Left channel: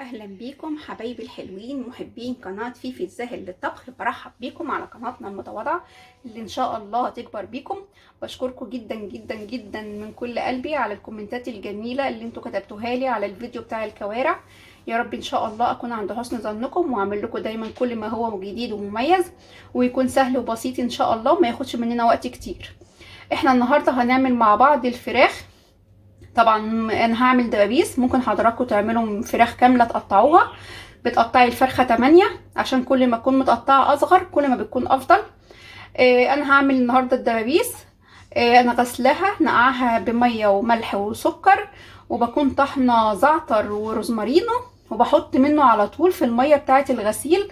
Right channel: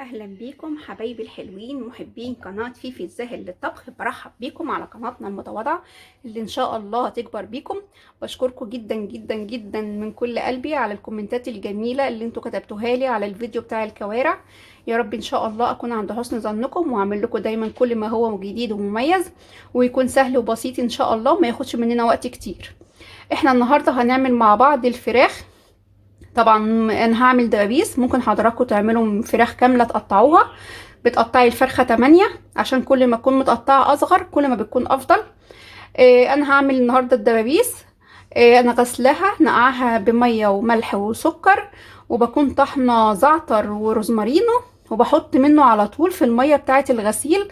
اهلا بيكم حبايبي الحلوين محبين قناه فيفي الزاهر للطبخ. برحب بيكم على قناتنا المتواضعه اللي ان شاء الله هتكبر بيكم. بشكركم جدا جدا جدا من كل قلبي على الكومنتات الجميله اللي انتوا كتبتوها لي على الفيديو بتاع الكوارع. يا رب ان شاء الله اكون عند حسن ظنكم واعمل لكم دايما كل ما هو جديد ومميز، ويكون سهل وبسيط ان شاء الله وما ياخدش مننا وقت كتير. احنا النهارده هنعمل مع بعض الفراخ. طبعا انا هعمل دبابيس، ممكن حضراتكم تعملوا فراخ كامله تقطعوها. بتقطعي الفرخه 8 عشان كل ما تكون متقطعه اصغر كل ما بتكون افضل. انا هعمل النهارده الدبابيس. انا غسلاها نقعها بميه وملح وسكر، وبكون طحنه زعتر وروزمارينو، وبحط منه على طول في الميه بتاعه الغسيل.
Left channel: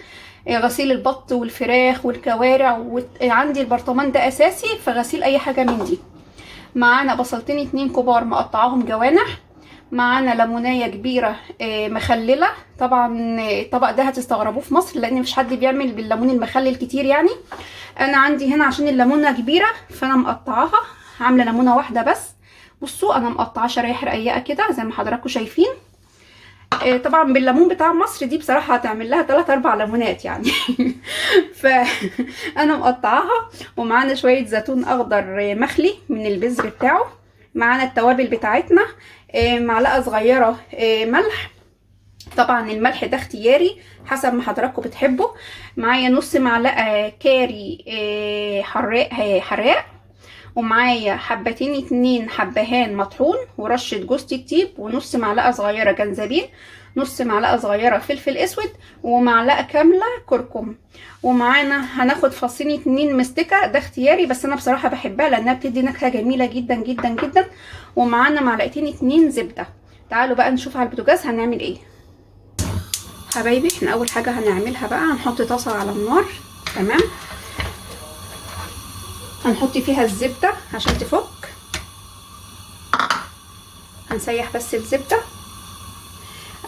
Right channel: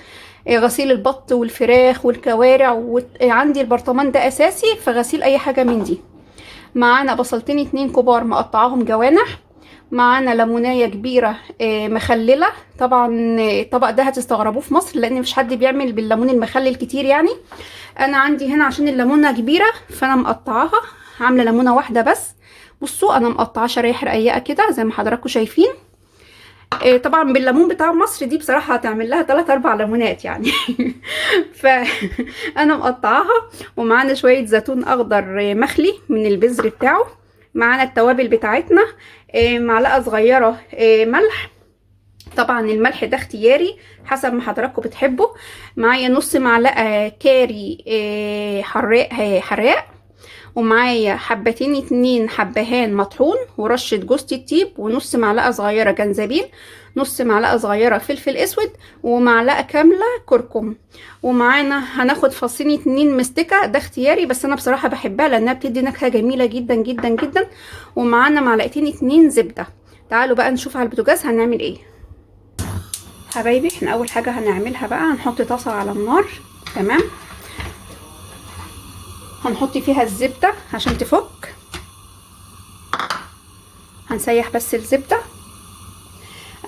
غسيل البط والفراخ والكوارع، وعندي البرطمان ده اساسي في غسيل اي حاجه من دي. معانا بصلتين 2 كبار مقطعاهم جوانح. معانا ليمونية كبيرة مخللة. طبعا الطبق ده هتستغربوه في مصر لان مش حد بيعمل بالليمون المخلل كتير يعني. انا عندي هنا عشان الليمونة كبيرة فانا مقطعاها، عاملة ليمونة واحدة بس. بصوا انا مقطعة شرايح رقيقة كده زي ما حضراتكم شايفين. طبعا بالليمون بتاع مصر دي بصراحة هتعمل لها 3-4 ليمونات يعني. فانا مقطعاها. ومعانا شوية زيتون اخضر مخلي من البذر بتاعه. معانا التوابل بتاعتنا، معلقة صغيرة ملح. طبعا الملح ده اختياري حسب ما حضراتكم بتحبوا. معايا نص معلقة كاري حراق. ومعايا حبتين 2 حبهان مطحون ورشة جوز الطيب، ونص معلقة صغيرة جنزبيل، نص معلقة صغيرة فلفل اسود، ومعلقة كاملة كركم. ومعانا هناخد فصين 2 مستكة، ده اختياري بس انا بصراحة بحبها لانها بتدي نكهة جميلة جدا جدا جدا. ومعانا معلقتين 2 زبدة. تعالوا بقى نشوف على البوتاجاز هنعمل ايه. حبايبي احنا اول حاجة هنعملها بقى هنحط طاسة على النار. تمام. هنحط فيها الزبدة عشان تفك. هنسيح بس الزبدة.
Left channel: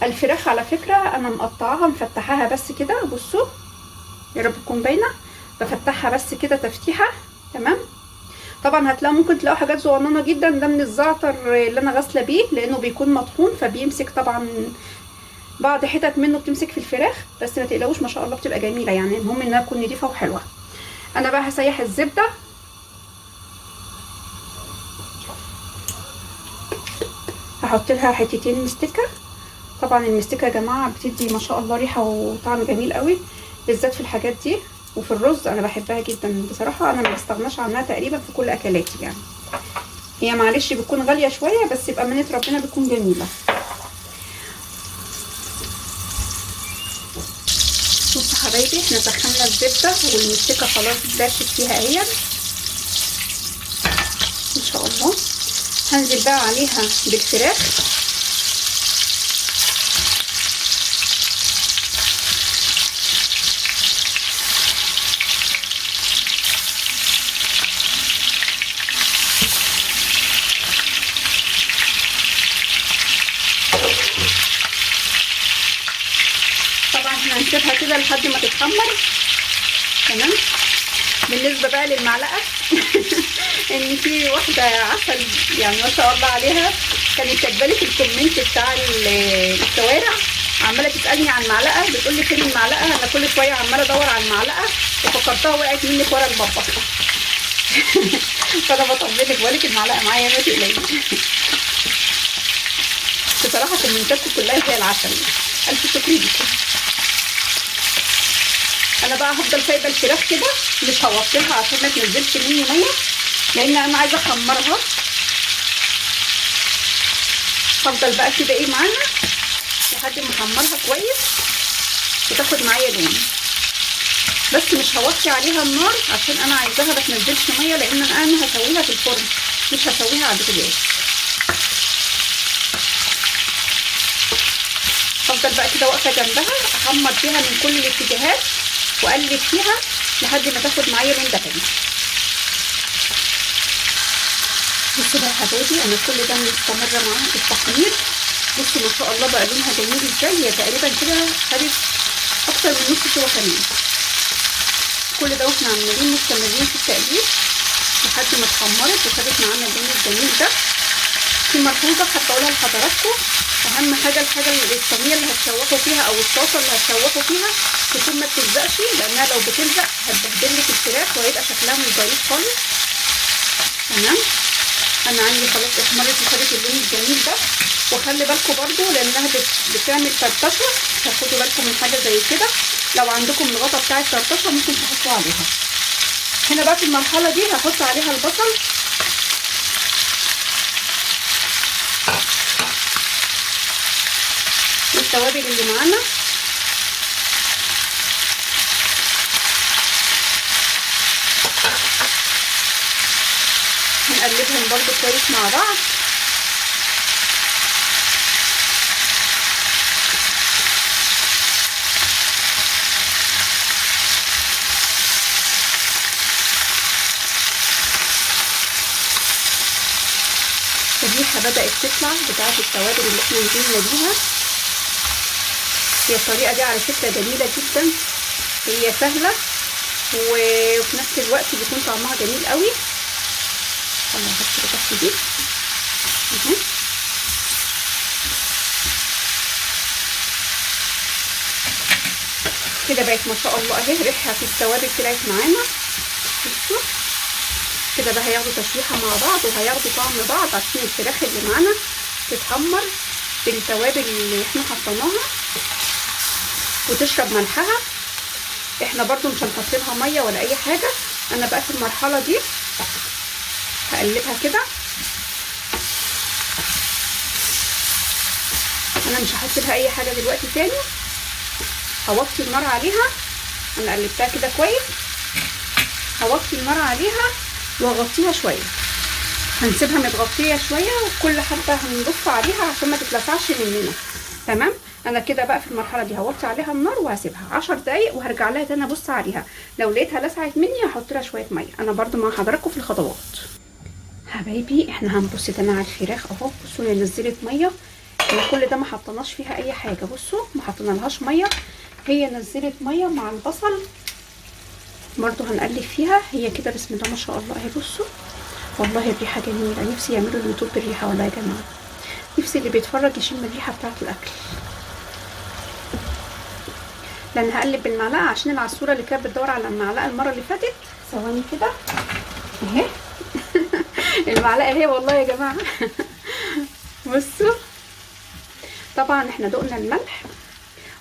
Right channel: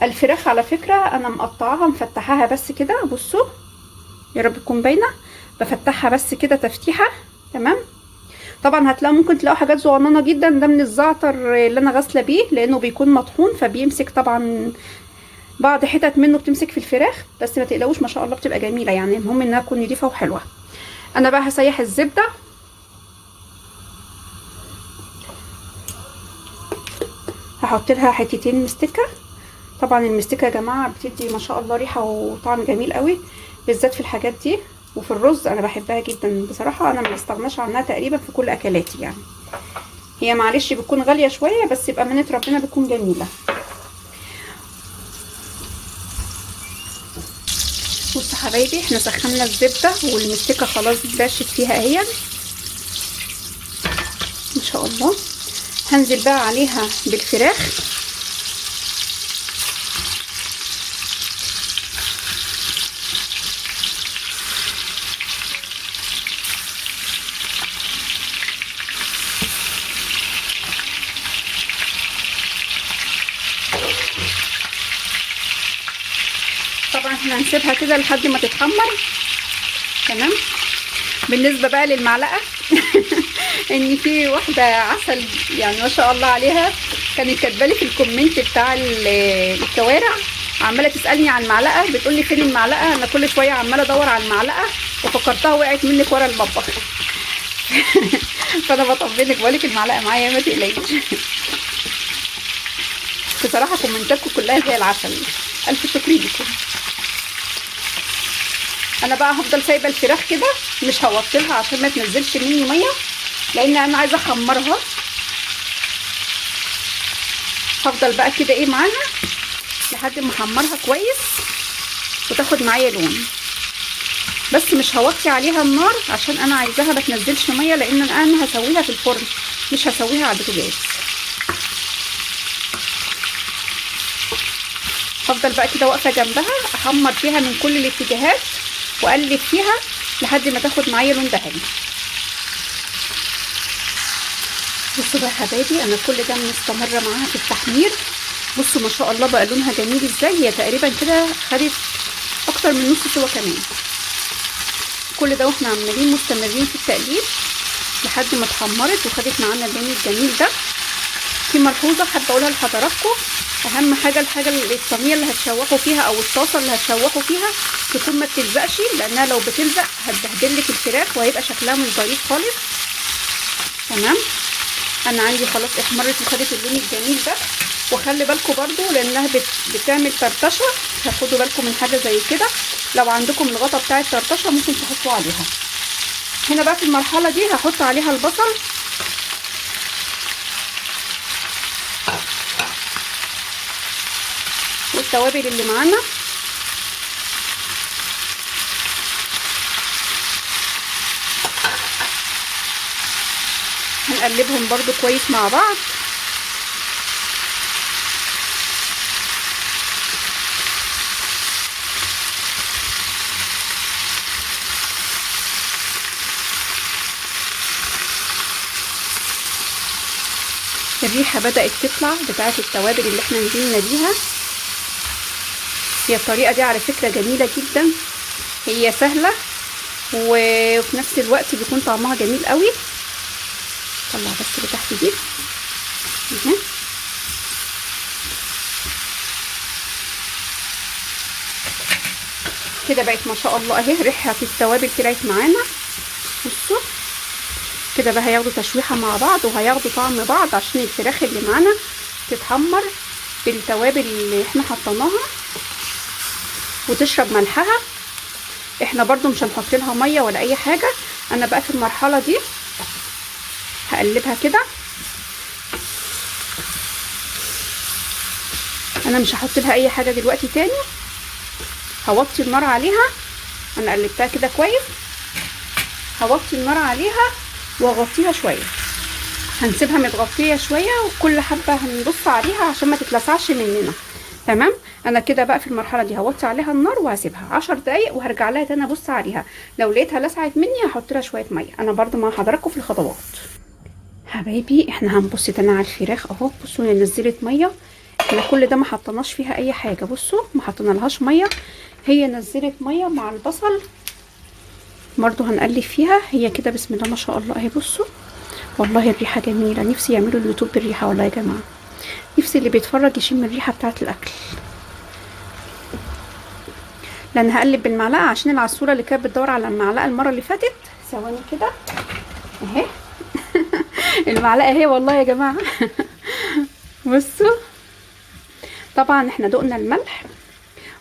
الفراخ على فكرة انا مقطعاها مفتحاها بس كده، بصوا يا رب تكون باينة. بفتحها بس كده تفتيحة. تمام. طبعا هتلاقوا ممكن تلاقوا حاجات صغننه جدا، ده من الزعتر اللي انا غاسله بيه لانه بيكون مطحون فبيمسك طبعا بعض حتت منه بتمسك في الفراخ، بس ما تقلقوش ما شاء الله بتبقى جميله يعني، المهم انها تكون نضيفه وحلوه. انا بقى هسيح الزبده. هحط لها حتتين مستكه. طبعا المستكه يا جماعه بتدي ما شاء الله ريحه وطعم جميل قوي، بالذات في الحاجات دي. وفي الرز انا بحبها جدا بصراحه، انا ما بستغناش عنها تقريبا في كل اكلاتي يعني. هي معلش بتكون غاليه شويه بس يبقى منة ربنا بتكون جميله. بصوا حبايبي احنا سخنا الزبده والمستكه خلاص داشت فيها اهي ان شاء الله. هنزل بقى عليها بالفراخ. طبعا احنا هنسيبها كده لحد ما تتحمر. تمام. بالنسبه بقى للمعلقه ان في واحده عسل يعني ما شاء الله عليها كانت كاتبالي في الكومنت بتاع الكوارع، عماله تسالني عن المعلقه، بتقول لي فين المعلقه. انا كل شويه عماله ادور على المعلقه وفكرتها وقعت منك ورا المطبخ. فانا بطمنك بقولك المعلقه معايا ما تقلقيش. بصراحه كومنتاتكم كلها زي العسل، الف شكر لكم. انا بقى هفضل سايبه الفراخ كده مش هوطيها عشان ما تنزلش مني ميه، لان انا عايزه احمرها. هفضل بقى كده ايه معاها لحد ما احمرها كويس وتاخد معايا لون، بس مش هوطي عليها النار عشان انا عايزاها ما تنزلش ميه، لان انا هسويها في الفرن مش هسويها على البوتاجاز. هفضل بقى كده واقفه جنبها احمر فيها من كل الاتجاهات واقلب فيها لحد ما تاخد معايا لون ذهبي. بصوا بقى يا حبايبي انا كل ده مستمره معاها في التحمير. بصوا ما شاء الله بقى لونها جميل ازاي، هي تقريبا كده خدت اكتر من نص سوا كمان. كل ده واحنا عمالين مستمرين في التقليب لحد ما اتحمرت وخدت معانا اللون الجميل ده. في ملحوظه حابه اقولها لحضراتكم، اهم حاجه الصينيه اللي هتشوحوا فيها او الطاسه اللي هتشوحوا فيها تكون ما بتلزقش، لانها لو بتلزق هتبهدل لك الفراخ وهيبقى شكلها مش ظريف خالص. تمام. انا عندي خلاص احمرت وخدت اللون الجميل ده. وخلي بالكم برضو لانها بتعمل فرطشه، هتاخدوا بالكم من حاجه زي كده. لو عندكم الغطا بتاع الفرطشه ممكن تحطوا عليها. هنا بقى في المرحله دي هحط عليها البصل والتوابل اللي معانا. هنقلبهم برضو كويس مع بعض. الريحه بدات تطلع بتاعه التوابل اللي احنا نزلنا بيها. هي الطريقه دي على فكره جميله جدا، هي سهله وفي نفس الوقت بيكون طعمها جميل قوي. طلع بس اللي تحت دي كده بقت ما شاء الله اهي. ريحه التوابل طلعت معانا. بصوا كده بقى هياخدوا تشويحه مع بعض وهياخدوا طعم بعض عشان الفراخ اللي معانا تتحمر بالتوابل اللي احنا حطيناها وتشرب ملحها. احنا برضو مش هنحط لها ميه ولا اي حاجه. انا بقى في المرحله دي هقلبها كده. انا مش هحط لها اي حاجه دلوقتي تاني. هوطي النار عليها. انا قلبتها كده كويس. هوطي النار عليها واغطيها شويه. هنسيبها متغطيه شويه وكل حبه هنبص عليها عشان ما تتلسعش مننا. تمام. انا كده بقى في المرحله دي هوطي عليها النار وهسيبها 10 دقايق وهرجع لها تاني ابص عليها. لو لقيتها لسعت مني هحط لها شويه ميه. انا برضو مع حضراتكم في الخطوات. حبايبي احنا هنبص تاني على الفراخ اهو. بصوا هي نزلت ميه. احنا كل ده ما حطيناش فيها اي حاجه. بصوا ما حطينالهاش ميه، هي نزلت ميه مع البصل. برضو هنقلب فيها. هي كده بسم الله ما شاء الله اهي. بصوا والله الريحه جميله. نفسي يعملوا اليوتيوب بالريحه والله يا جماعه. نفسي اللي بيتفرج يشم الريحه بتاعه الاكل. لان هقلب بالمعلقه عشان العصفوره اللي كانت بتدور على المعلقه المره اللي فاتت. ثواني كده اهي. المعلقه اهي والله يا جماعه. بصوا طبعا احنا دقنا الملح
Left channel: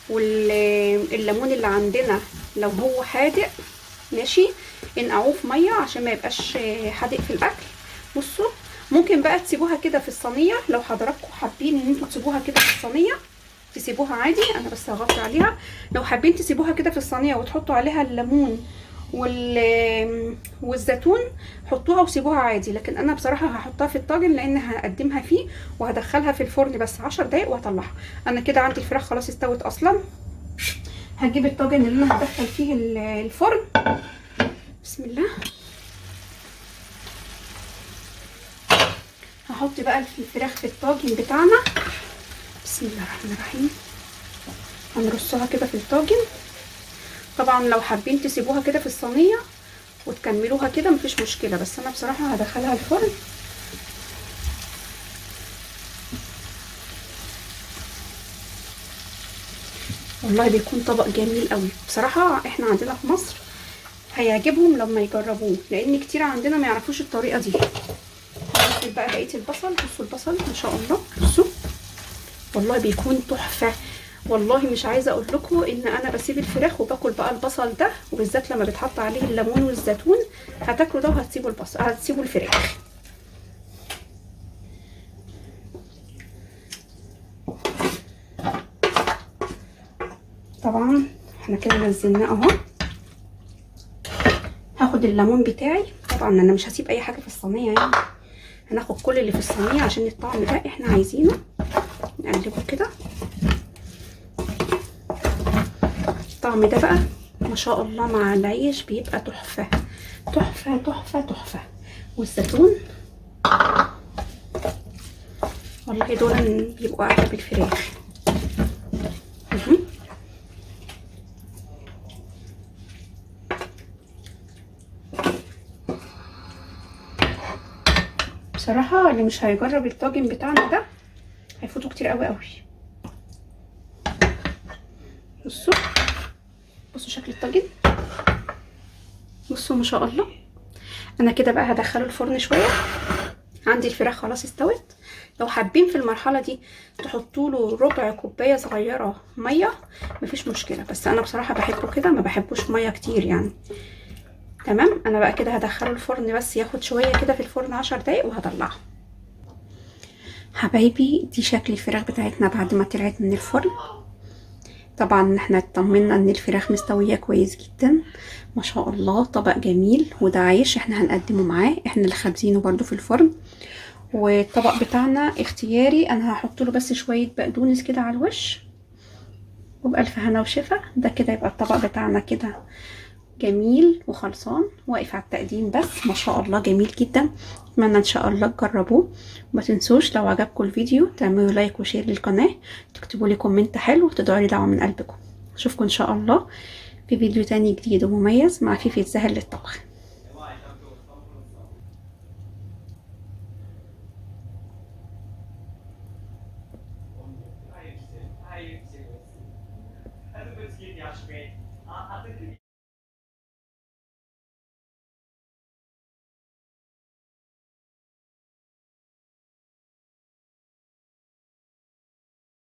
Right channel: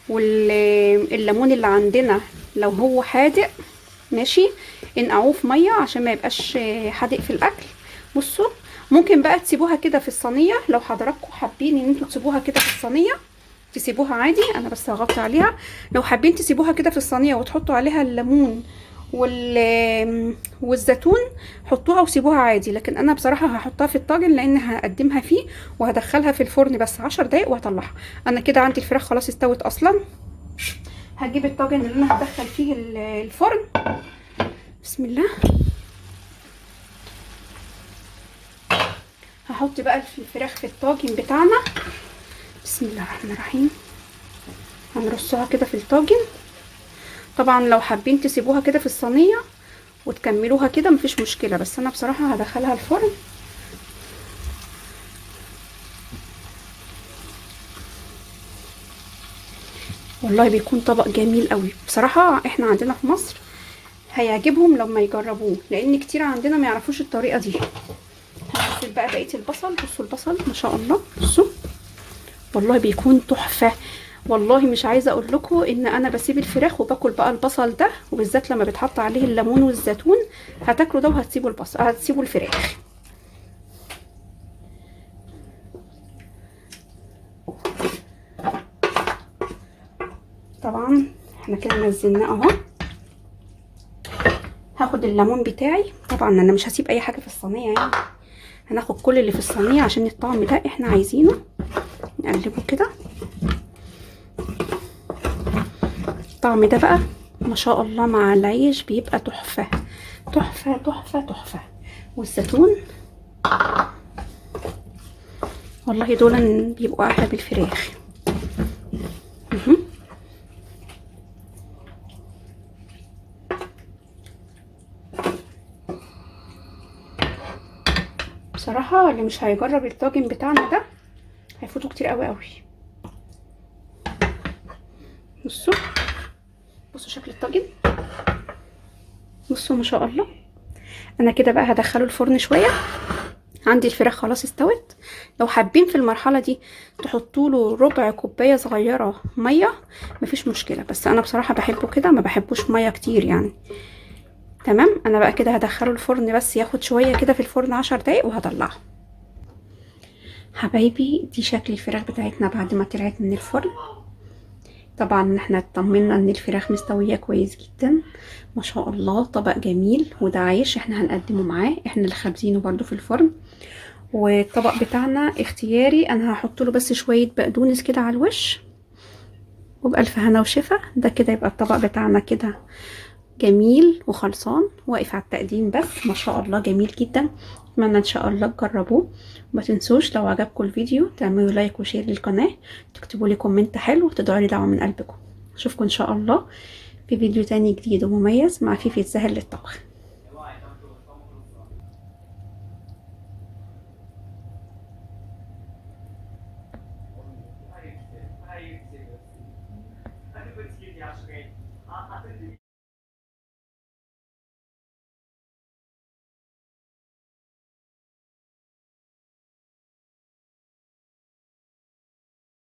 والليمون اللي عندنا لو هو حادق ماشي انقعوه في ميه عشان ما يبقاش حادق في الاكل. بصوا ممكن بقى تسيبوها كده في الصينيه. لو حضراتكم حابين ان انتوا تسيبوها كده في الصينيه تسيبوها عادي. انا بس هغطي عليها. لو حابين تسيبوها كده في الصينيه وتحطوا عليها الليمون والزيتون حطوها وسيبوها عادي. لكن انا بصراحه هحطها في الطاجن لان هقدمها فيه وهدخلها في الفرن بس 10 دقايق وهطلعها. انا كده عندي الفراخ خلاص استوت اصلا. هجيب الطاجن اللي انا هدخل فيه الفرن. بسم الله. هحط بقى الفراخ في الطاجن بتاعنا. بسم الله الرحمن الرحيم. هنرصها كده في الطاجن. طبعا لو حابين تسيبوها كده في الصينيه وتكملوها كده مفيش مشكله، بس انا بصراحه هدخلها الفرن. والله بيكون طبق جميل قوي بصراحه. احنا عندنا في مصر هيعجبهم لما يجربوه لان كتير عندنا ما يعرفوش الطريقه دي. هنزل بقى بقيه البصل. بصوا البصل ما شاء الله. بصوا والله بيكون تحفه. والله مش عايزه اقول لكم ان انا بسيب الفراخ وباكل بقى البصل ده، وبالذات لما بيتحط عليه الليمون والزيتون. هتاكلوا ده وهتسيبوا البصل هتسيبوا الفراخ. طبعا احنا كده نزلناه اهو. هاخد الليمون بتاعي. طبعا انا مش هسيب اي حاجه في الصينيه يعني. هناخد كل اللي في الصينيه عشان الطعم ده احنا عايزينه. نقلبه كده. الطعم ده بقى ما شاء الله مع العيش بيبقى تحفه تحفه تحفه تحفه. والزيتون والله دول بيبقوا احلى بالفراخ. بصراحه اللي مش هيجرب الطاجن بتاعنا ده هيفوتوا كتير قوي قوي. بصوا بصوا شكل الطاجن، بصوا ما شاء الله. انا كده بقى هدخله الفرن شويه. عندي الفراخ خلاص استوت. لو حابين في المرحله دي تحطوا له ربع كوبايه صغيره ميه مفيش مشكله، بس انا بصراحه بحبه كده، ما بحبوش ميه كتير يعني. تمام. انا بقى كده هدخله الفرن بس ياخد شويه كده في الفرن 10 دقايق وهطلعه. حبايبي دي شكل الفراخ بتاعتنا بعد ما طلعت من الفرن. طبعا احنا اطمنا ان الفراخ مستويه كويس جدا ما شاء الله. طبق جميل، وده عيش احنا هنقدمه معاه، احنا اللي خابزينه برضو في الفرن. والطبق بتاعنا اختياري، انا هحط له بس شويه بقدونس كده على الوش، وبألف هنا وشفا. ده كده يبقى الطبق بتاعنا كده جميل وخلصان واقف على التقديم، بس ما شاء الله جميل جدا. اتمنى ان شاء الله تجربوه. وما تنسوش لو عجبكم الفيديو تعملوا لايك وشير للقناه، تكتبوا لي كومنت حلو وتدعوا لي دعوه من قلبكم. اشوفكم ان شاء الله في فيديو تاني جديد ومميز مع فيفي السهل للطبخ.